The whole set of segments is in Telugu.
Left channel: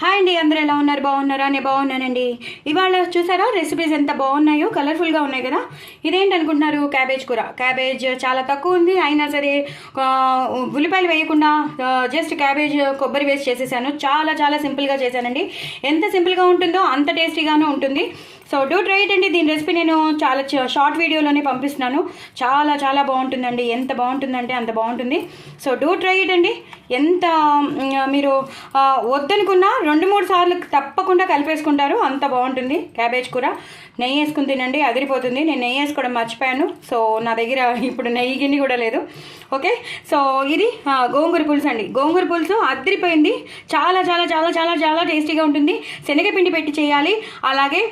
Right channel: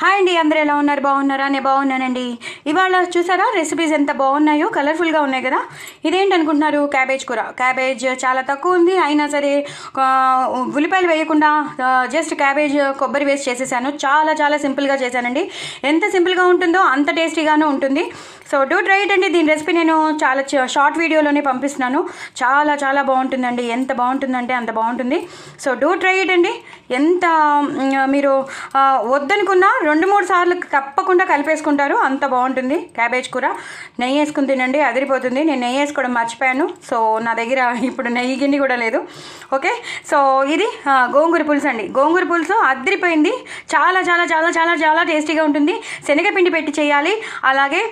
హాయ్ అండి, అందరూ ఎలా ఉన్నారు? బాగున్నారా? నేను బాగున్నానండి. ఇవాళ చూసారా రెసిపీస్ ఎంత బాగున్నాయో, కలర్ఫుల్గా ఉన్నాయి కదా. ఇదేంటి అనుకుంటున్నారు? క్యాబేజ్ కూర. క్యాబేజ్ చాలా తక్కువ ఉంది, అయినా సరే ఉల్లిపాయలు వేయకుండా జస్ట్ క్యాబేజ్ కొబ్బరి వేస్ట్ చేసేసాను. చాలా చాలా సింపుల్గా చేశానండి. ఎంత సింపుల్గా ఉంటుందో అంత టేస్టీగానే ఉంటుంది. సో డూ ట్రై ఇట్ అండి. దీని రెసిపీ నేను చాలా షార్ట్ వీడియోలోనే పంపిస్తున్నాను. చాలా చాలా బాగుంటుందండి. ఎంత బాగుంటుందంటే అంత బాగుంటుంది. సో డూ ట్రై ఇట్ అండి. ఎంత మీరు వద్దనుకున్నా 2-3 సార్లు తప్పకుండా కలిపేసుకుంటారు, అంత బాగుంటుంది క్యాబేజ్ కూర. నెయ్యి వేసుకుని తినండి, అదిరిపోతుంది. నేను నెయ్యి వేసుకోవడం మర్చిపోయాను, సో నా దగ్గర ఇప్పుడు నెయ్యి గిన్నె కూడా లేదు. ఓకే, సో ఇది గోంగూర పులుసు అండి. గోంగూర పులుసు అదిరిపోయింది. చాలా చాలా చాలా చాలా చాలా టేస్టీగా ఉంటుంది. శనగపిండి పెట్టి చేయాలి. అలాగే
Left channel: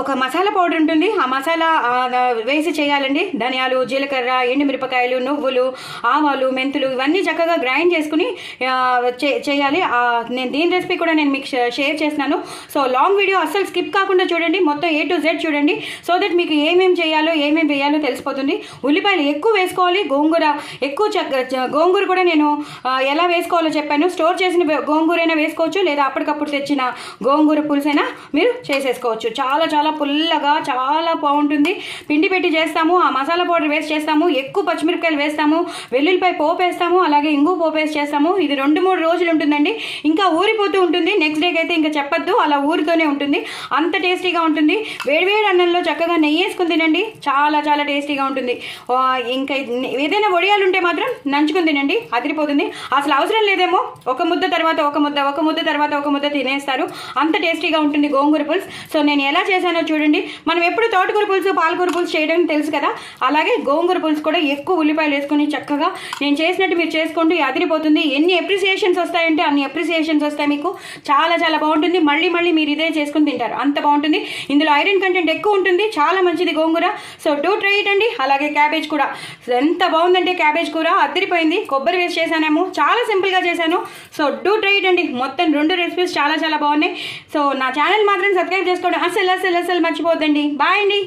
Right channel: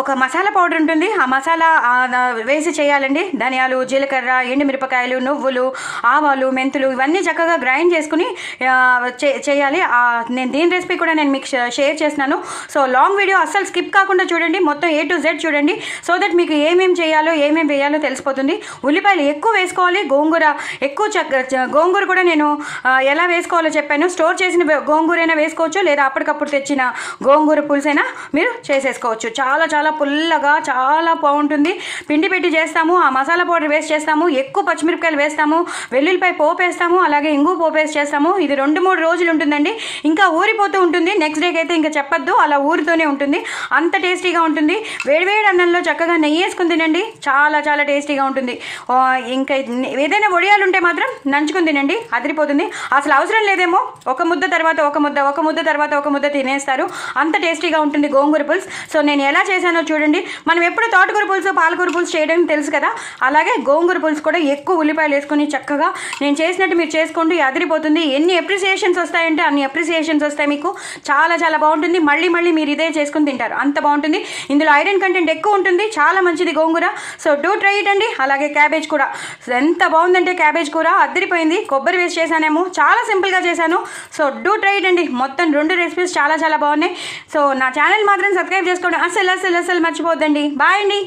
ఒక మసాలా పౌడర్ ఉంటుంది, ఆ మసాలా వేసి చేయాలండి. ధనియాలు, జీలకర్ర, ఎండుమిరపకాయలు, నువ్వులు, ఆవాలు, మెంతులు ఇవన్నీ చక్కగా గ్రైండ్ చేసుకుని చేయాలి. నేను దీని రెసిపీ కూడా నేను మీకు షేర్ చేస్తున్నాను. సో లాంగ్ వీడియో అస్సలు స్కిప్ కాకుండా చూడండి, మొత్తం A to Z చూడండి. సో దట్ మీకు ఏమేమి చేయాలో ఏమేమి వేయాలో తెలిసిపోతుంది. ఉల్లిపాయలు ఎక్కువ వేసుకోవాలి. గోంగూర కూడా నేను ఎలా వేసుకోవాలో చెప్పాను. స్టోర్ చేసిన గోంగూరైనా వేసుకోవచ్చు, లేదా అప్పటికప్పుడు తెచ్చిన గోంగూర పులుసైనా మీరు చేసేసుకోవచ్చు. చాలా చాలా పుల్లగా చాలా బాగుంటుంది. పిండి పెట్టి చేస్తాము, ఆ మసాలా పౌడర్ వేస్ట్ చేస్తాము, ఎక్కువ పచ్చిమిరపకాయలు వేస్తాము, వెల్లుల్లిపాయ పోపు వేస్తాము, అలాగే ఇంగు పోపు వేస్ట్ చేస్తాము. ఇది 2-3 రోజులు ఉంటుందండి. ఇంకా ఊరిపోతూ ఉంటుంది. నెక్స్ట్ డేకి అయితే ఇంకా చెప్పొద్దు, అలా ఊరితోనే ఉంటుంది. అంత టేస్టీగా ఉంటుంది. వేడివేడి అన్నంలో చక్కగా నెయ్యి వేసుకుని తినండి, చాలా చాలా టేస్టీగా ఉంటుంది. ఇంకా ఏదైనా వడియాలు ఉంటే మాత్రం నంచుకుని తినండి, అదిరిపోతుంది. అసలు అవసరం లేదేమో, ఒక ముద్ద తర్వాత ఒక ముద్ద, ఒక ముద్ద తర్వాత ఒక ముద్ద తినేస్తారు. అంత టేస్టీగా ఉంటుంది గోంగూర పులుసు. సో నేను ఎలా చేశాను చూడండి. మనం ఎప్పుడు తోటకూర పులుసు, పాలకూర పులుసు చేయడం తెలుసు కదా, అలాగే గోంగూర పులుసు కూడా ఎక్కువ ఉల్లిపాయలు వేసుకొని చక్కగా నేను చేసినట్టు మీరు చేసుకుంటూ అదిరిపోతుంది. ఎన్ని అప్రిసియేషన్స్ వస్తాయంటే అన్ని అప్రిసియేషన్స్ వస్తాయి మీకు. చాలా చాలా బాగుంటుంది. మళ్ళీ మళ్ళీ మీరు ఇదే చేసుకుని తింటారు, అంత బాగుంటుంది. ఇందులో ఐరన్ కంటెంట్ ఎక్కువ ఉంటుంది, చాలా మంచిది గోంగూర. సో డూ ట్రై ఇట్ అండి. అలాగే క్యాబేజ్ కూడా ఎంత బాగుందంటే క్యాబేజ్ కూర అదిరిపోయింది. కొబ్బరి వేస్ట్ చేశానేమో, చాలా సింపుల్గా చేశాను. సో డూ ట్రై ఇట్ అండి. మొత్తం 2 రెసిపీస్ చాలా చాలా బాగున్నాయి. సో నా ఛానల్ మాత్రం సబ్స్క్రైబ్ చేసుకోండి, అసలు మర్చిపోద్దండి. బాయ్ అండి.